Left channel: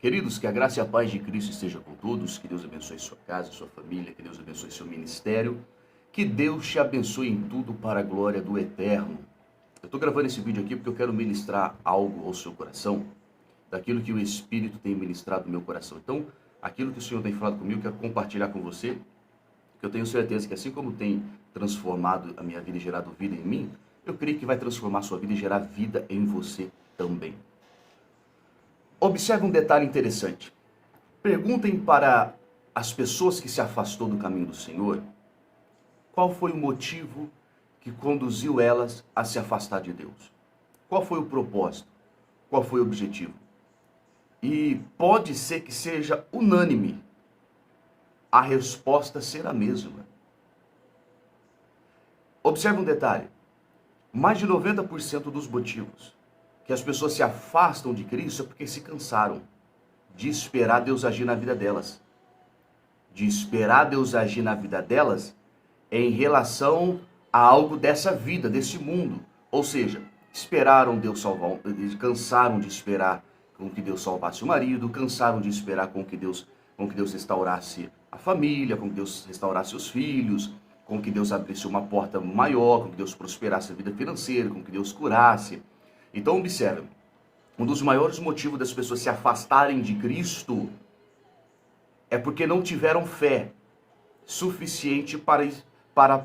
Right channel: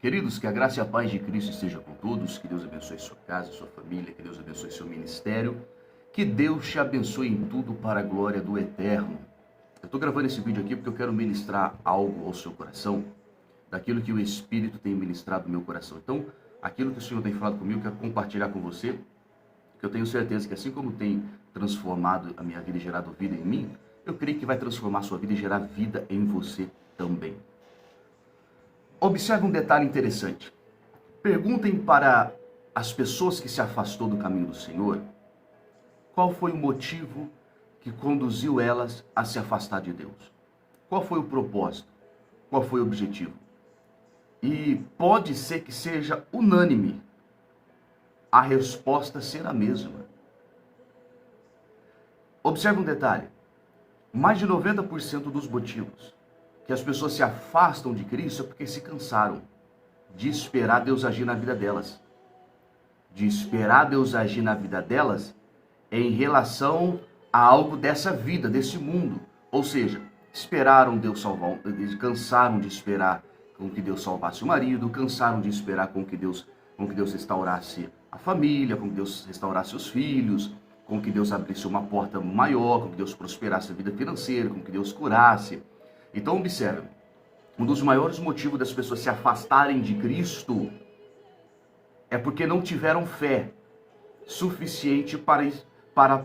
Queridos, que a graça e a paz de Cristo esteja com todos, que Deus abençoe sua casa, sua família, que Deus abençoe seu ministério, que Deus te abençoe em tudo para a glória do Eterno. Eu estou gravando esse vídeo aqui porque eu quero ministrar algo ao seu coração, daquilo que o Espírito tem ministrado no meu coração. Então, aquilo que o Senhor tem falado comigo, eu quero compartilhar com você, que eu tenho certeza que assim como tem transformado a minha vida e gerado vida em mim, eu creio que vai transformar a sua vida e gerar vida em você também. Observe um detalhe interessante. Perguntem para as pessoas que se afastou do caminho do Senhor, qual foi o motivo que conduziu elas a se afastar de Deus? Qual foi o propósito? Qual foi o objetivo? E pode ser que seja unânime a resposta ser a mesma. Observe um detalhe. Mais de 90% dos motivos que as pessoas se afastam de Cristo é porque se cansaram de esperar Deus agir na vida delas. De esperar Deus agir na vida delas em relação a algo dessa vida, desse mundo. Ou seja, esperaram Deus salvar, cansaram de esperar com que Deus salvasse o marido, cansaram de esperar com que Deus restaurasse a família, com que Deus restaurasse os filhos, com que Deus abrisse uma porta maior, com que Deus prosperasse a vida financeira, com que Deus curasse. Então, observe, um dos maiores motivos das pessoas se afastarem de Cristo é porque não tiveram fé suficiente para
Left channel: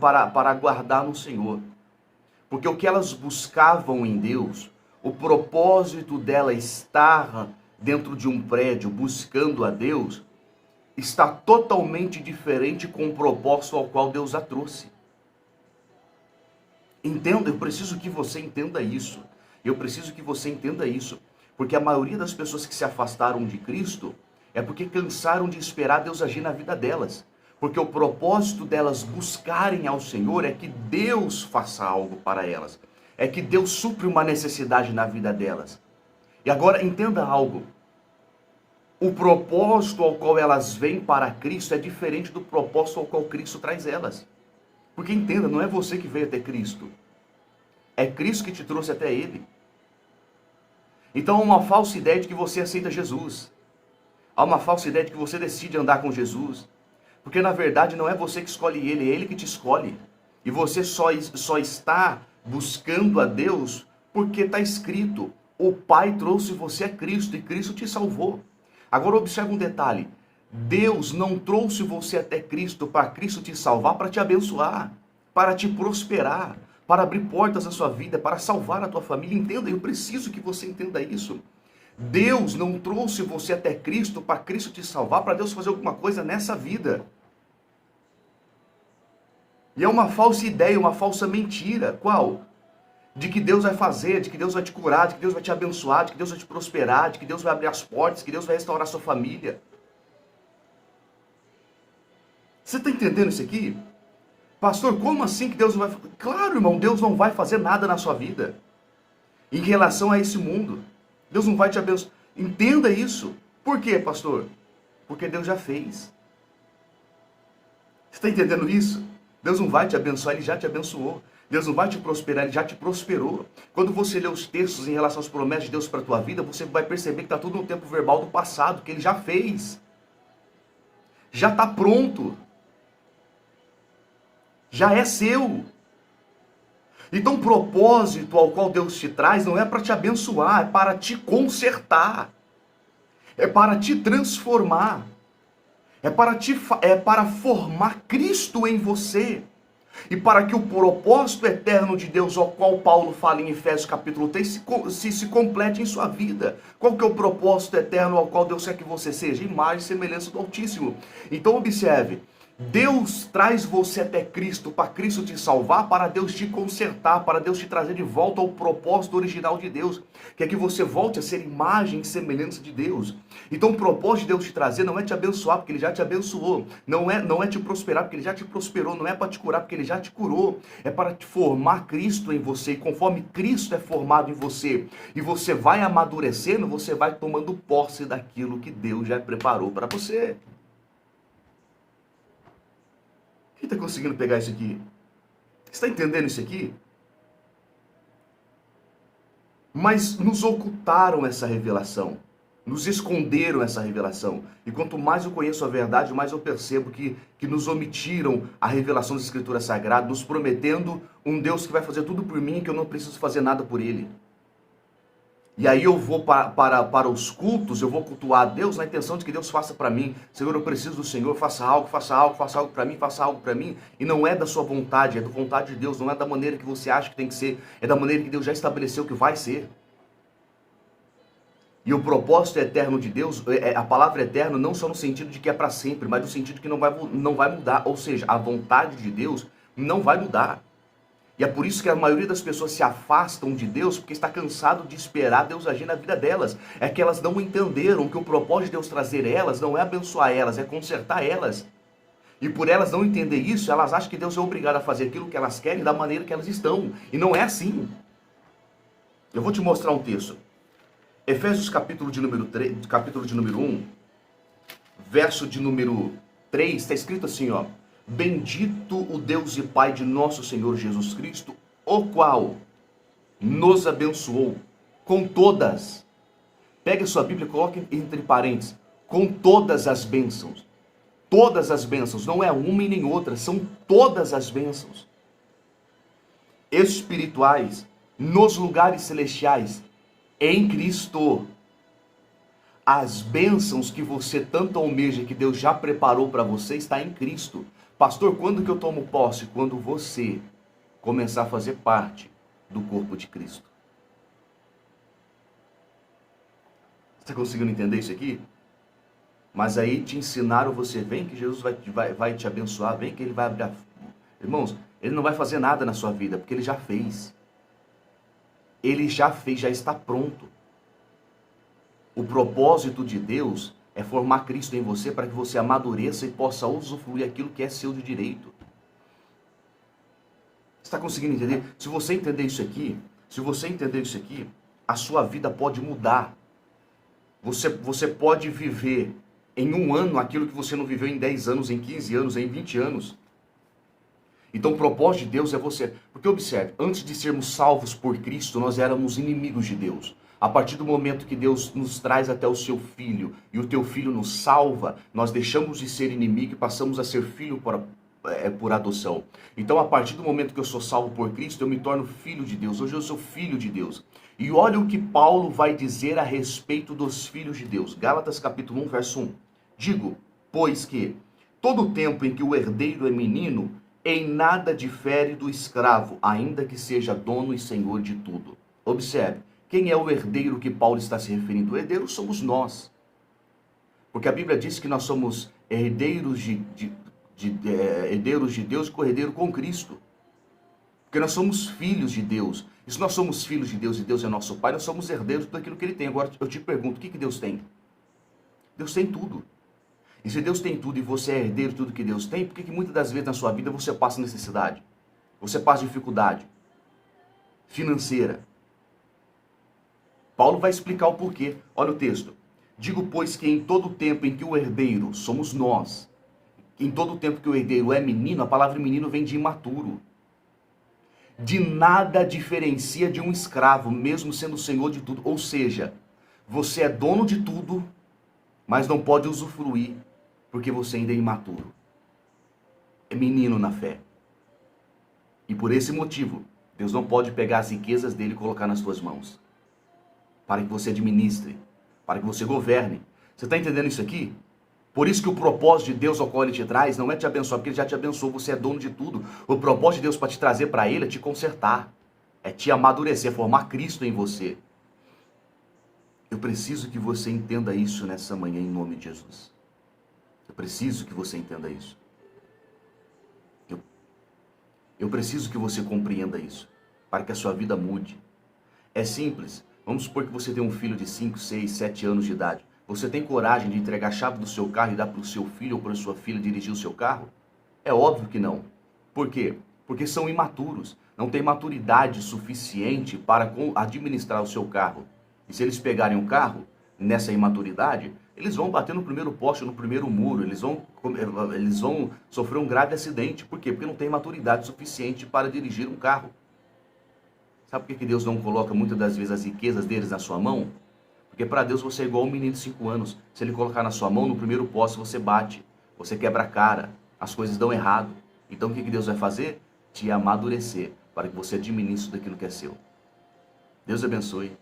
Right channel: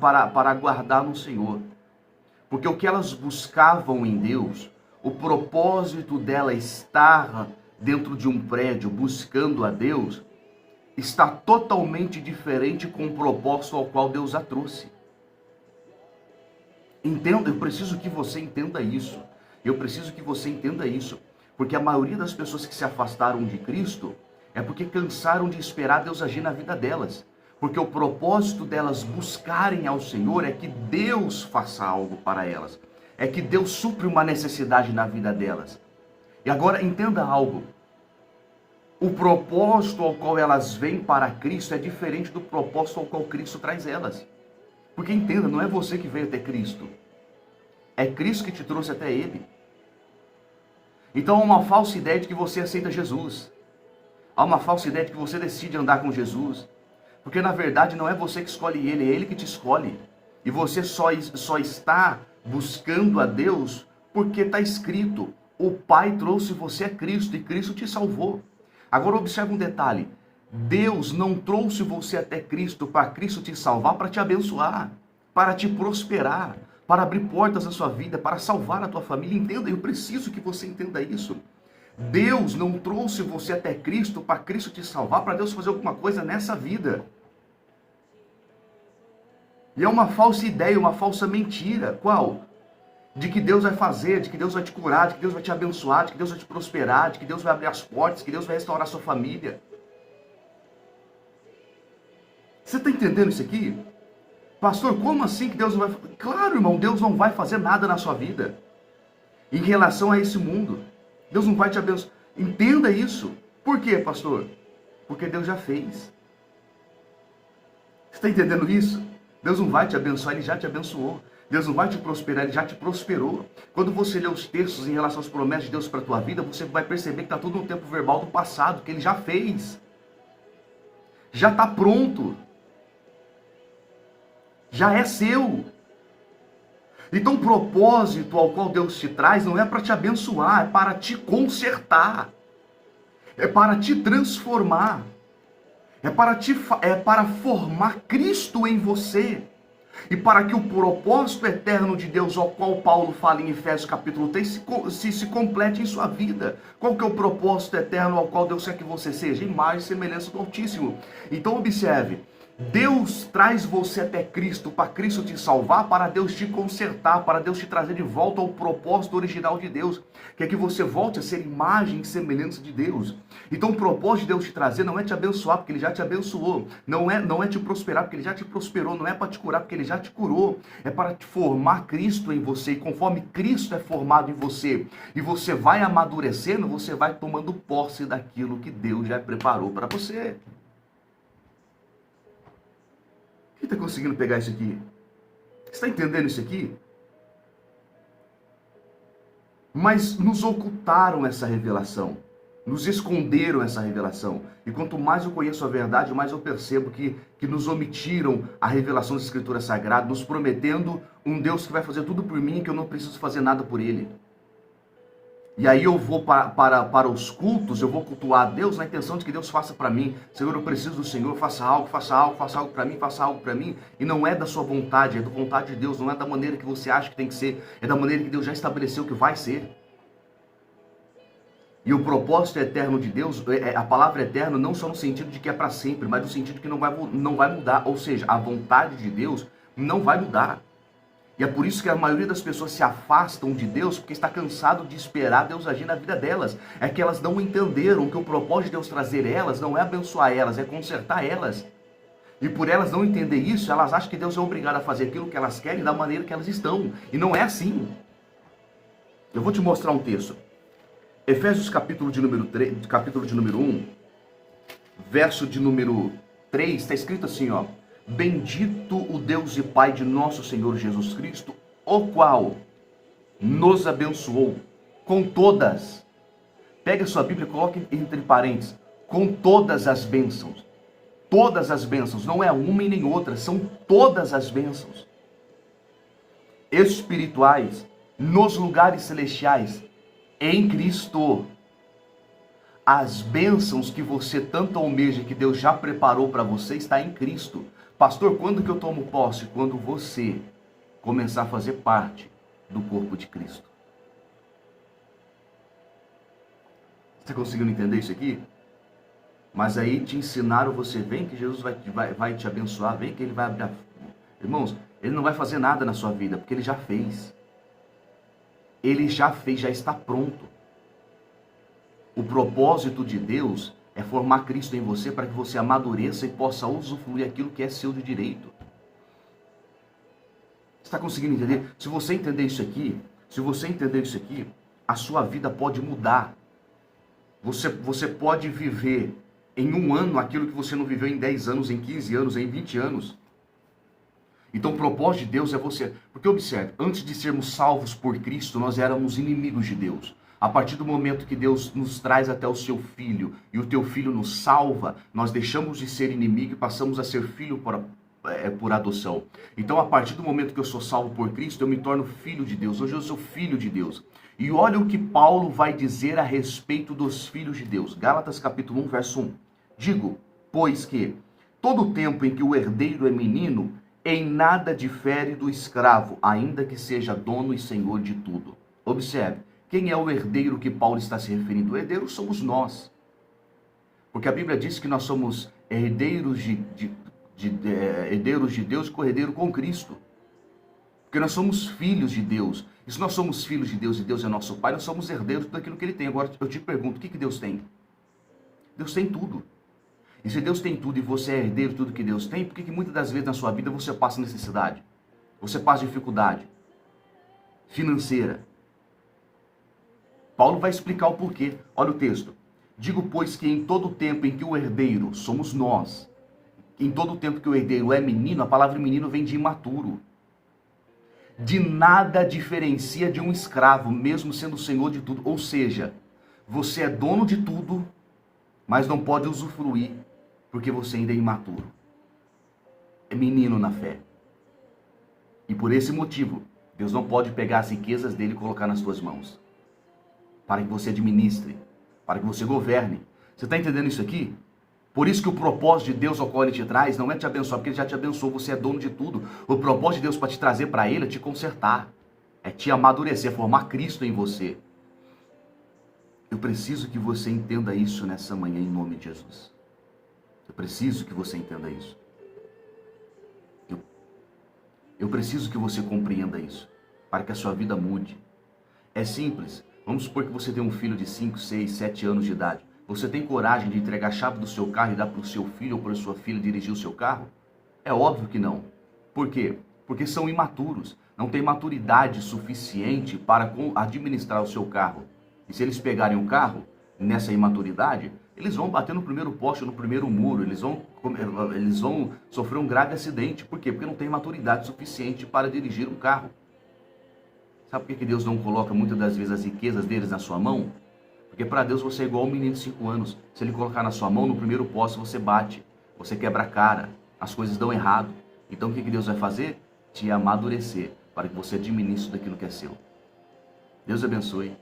aguardar no Senhor. Porque o que elas buscavam em Deus, o propósito dela estar dentro de um prédio buscando a Deus, está totalmente diferente com o propósito ao qual Deus a trouxe. Entenda, eu preciso que você entenda isso. Eu preciso que você entenda isso. Porque a maioria das pessoas que se afastaram de Cristo é porque cansaram de esperar Deus agir na vida delas. Porque o propósito delas buscarem ao Senhor é que Deus faça algo para elas. É que Deus supre uma necessidade na vida delas. E agora entenda algo. O propósito ao qual elas vêm para Cristo é diferente do propósito ao qual Cristo traz elas. Porque entenda, não é você que veio até Cristo. É Cristo que te trouxe até Ele. Então há uma falsa ideia de que você aceita Jesus. Há uma falsa ideia de que você decide andar com Jesus. Porque na verdade não é você que escolhe Ele, é Ele que te escolhe. E você só está buscando a Deus porque está escrito: o Pai trouxe você a Cristo e Cristo te salvou. Agora observe um detalhe. Deus não trouxe você até Cristo para Cristo te salvar, para te abençoar, para te prosperar, para abrir portas na sua vida, para salvar a tua família. Entenda, eu preciso que você entenda isso. Deus não trouxe você até Cristo para Cristo te salvar, para Deus fazer alguma coisa nessa vida. E é uma falsa ideia, uma falsa mentira. Qual? De que Deus vai fazer, de que Deus vai te curar, de que Deus vai te abençoar, de que Deus vai te prosperar, de que Deus vai abrir as portas, de que Deus vai restaurar a sua família. Você está entendendo isso aqui? Pastor, como assim que Deus não vai... Claro, irmão, Deus não vai fazer nada na sua vida em relação a esse mundo. Deus não vai te abençoar. Entenda isso. Por quê, pastor? Porque Deus já fez. Você está entendendo isso? Deus não vai te abençoar, Ele já te abençoou. Deus não vai te prosperar, Ele já te prosperou. Quando você lê os textos em relação às promessas de Deus para a tua vida, você vai perceber que está tudo no tempo verbal do passado, que Ele já fez. Já está pronto. Já é seu. Então o propósito ao qual Deus te traz não é para te abençoar, é para te consertar. É para te transformar. É para formar Cristo em você. E para que o propósito eterno de Deus, ao qual Paulo fala em Efésios capítulo 3, se complete em sua vida. Qual que é o propósito eterno ao qual Deus quer que você seja? Imagem e semelhança do Altíssimo. Então observe, Deus traz você até Cristo, para Cristo te salvar, para Deus te consertar, para Deus te trazer de volta ao propósito original de Deus, que é que você volte a ser imagem e semelhança de Deus. Então o propósito de Deus te trazer não é te abençoar, porque Ele já te abençoou, não é te prosperar, porque Ele já te prosperou, não é para te curar, porque Ele já te curou, é para te formar Cristo em você, e conforme Cristo é formado em você, e você vai amadurecendo, você vai tomando posse daquilo que Deus já preparou para você. Quem está conseguindo pegar isso aqui? Está entendendo isso aqui? Mas nos ocultaram essa revelação. Nos esconderam essa revelação. E quanto mais eu conheço a verdade, mais eu percebo que nos omitiram a revelação das Escrituras Sagradas, nos prometendo um Deus que vai fazer tudo por mim e que eu não preciso fazer nada por Ele. E aí eu vou para os cultos, eu vou cultuar a Deus na intenção de que Deus faça para mim. Senhor, eu preciso do Senhor, faça algo para mim, faça algo para mim. E não é da sua vontade, é da vontade de Deus, não é da maneira que você acha que tem que ser, é da maneira que Deus já estabeleceu que vai ser. E o propósito eterno de Deus, a palavra eterno não só no sentido de que é para sempre, mas no sentido de que não vai mudar. Ou seja, a vontade de Deus não vai mudar. E é por isso que a maioria das pessoas se afastam de Deus, porque está cansado de esperar Deus agir na vida delas. É que elas não entenderam que o propósito de Deus trazer elas não é abençoar elas, é consertar elas. E por elas não entender isso, elas acham que Deus é obrigado a fazer aquilo que elas querem da maneira que elas estão. E não é assim. Eu vou te mostrar um texto. Efésios capítulo de número 1, verso de número 3, está escrito assim, ó. Bendito o Deus e Pai de nosso Senhor Jesus Cristo, o qual nos abençoou com todas. Pega a sua Bíblia e coloque entre parênteses, com todas as bênçãos. Todas as bênçãos, não é uma e nem outra, são todas as bênçãos espirituais nos lugares celestiais em Cristo. As bênçãos que você tanto almeja, que Deus já preparou para você, está em Cristo. Pastor, quando que eu tomo posse? Quando você começar a fazer parte do corpo de Cristo. Está conseguindo entender isso aqui? Mas aí te ensinaram, você vem que Jesus vai te abençoar, vem que Ele vai abrir. Irmãos, Ele não vai fazer nada na sua vida, porque Ele já fez. Ele já fez, já está pronto. O propósito de Deus é formar Cristo em você para que você amadureça e possa usufruir aquilo que é seu de direito. Está conseguindo entender? Se você entender isso aqui, a sua vida pode mudar. Você pode viver em um ano aquilo que você não viveu em 10 anos, em 15 anos, em 20 anos. Então o propósito de Deus é você. Porque observe, antes de sermos salvos por Cristo, nós éramos inimigos de Deus. A partir do momento que Deus nos traz até o seu Filho, e o teu Filho nos salva, nós deixamos de ser inimigo e passamos a ser filho por adoção. Então, a partir do momento que eu sou salvo por Cristo, eu me torno filho de Deus. Hoje eu sou filho de Deus. E olha o que Paulo vai dizer a respeito dos filhos de Deus. Gálatas capítulo 1, verso 1. Digo, pois que todo o tempo em que o herdeiro é menino, em nada difere do escravo, ainda que seja dono e senhor de tudo. Observe. Quem é o herdeiro que Paulo está se referindo? O herdeiro somos nós. Porque a Bíblia diz que nós somos herdeiros de Deus e co-herdeiro com Cristo. Porque nós somos filhos de Deus. E se nós somos filhos de Deus e Deus é nosso Pai, nós somos herdeiros daquilo que Ele tem. Agora eu te pergunto, o que Deus tem? Deus tem tudo. E se Deus tem tudo e você é herdeiro de tudo que Deus tem, por que muitas das vezes na sua vida você passa necessidade? Você passa dificuldade financeira? Paulo vai explicar o porquê. Olha o texto. Digo, pois, que em todo o tempo em que o herdeiro somos nós, em todo o tempo que o herdeiro é menino, a palavra menino vem de imaturo. De nada diferencia de um escravo, mesmo sendo senhor de tudo. Ou seja, você é dono de tudo, mas não pode usufruir, porque você ainda é imaturo. É menino na fé. E por esse motivo, Deus não pode pegar as riquezas dele e colocar nas suas mãos. Para que você administre, para que você governe. Você está entendendo isso aqui? Por isso que o propósito de Deus ao qual Ele te traz não é te abençoar, porque Ele já te abençoou, você é dono de tudo. O propósito de Deus para te trazer para Ele é te consertar, é te amadurecer, é formar Cristo em você. Eu preciso que você entenda isso nessa manhã em nome de Jesus. Eu preciso que você entenda isso. Eu preciso que você compreenda isso, para que a sua vida mude. É simples. Vamos supor que você tem um filho de 5, 6, 7 anos de idade. Você tem coragem de entregar a chave do seu carro e dar para o seu filho ou para a sua filha dirigir o seu carro? É óbvio que não. Por quê? Porque são imaturos. Não têm maturidade suficiente para administrar o seu carro. E se eles pegarem o carro nessa imaturidade, eles vão bater no primeiro poste, no primeiro muro. Eles vão sofrer um grave acidente. Por quê? Porque não tem maturidade suficiente para dirigir um carro. Sabe por que Deus não coloca muitas das vezes as riquezas deles na sua mão? Porque para Deus você é igual um menino de 5 anos. Se ele colocar na sua mão, no primeiro poste você bate, você quebra a cara, as coisas dão errado. Então o que Deus vai fazer? Te amadurecer, para que você administre daquilo que é seu. Deus abençoe.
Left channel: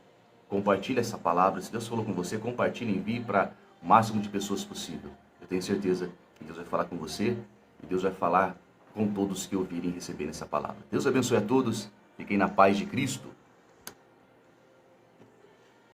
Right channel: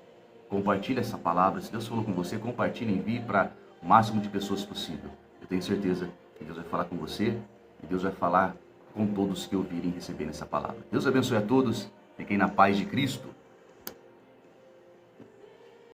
Compartilhe essa palavra. Se Deus falou com você, compartilhe, envie para o máximo de pessoas possível. Eu tenho certeza que Deus vai falar com você e Deus vai falar com todos que ouvirem e receberem essa palavra. Deus abençoe a todos. Fiquem na paz de Cristo.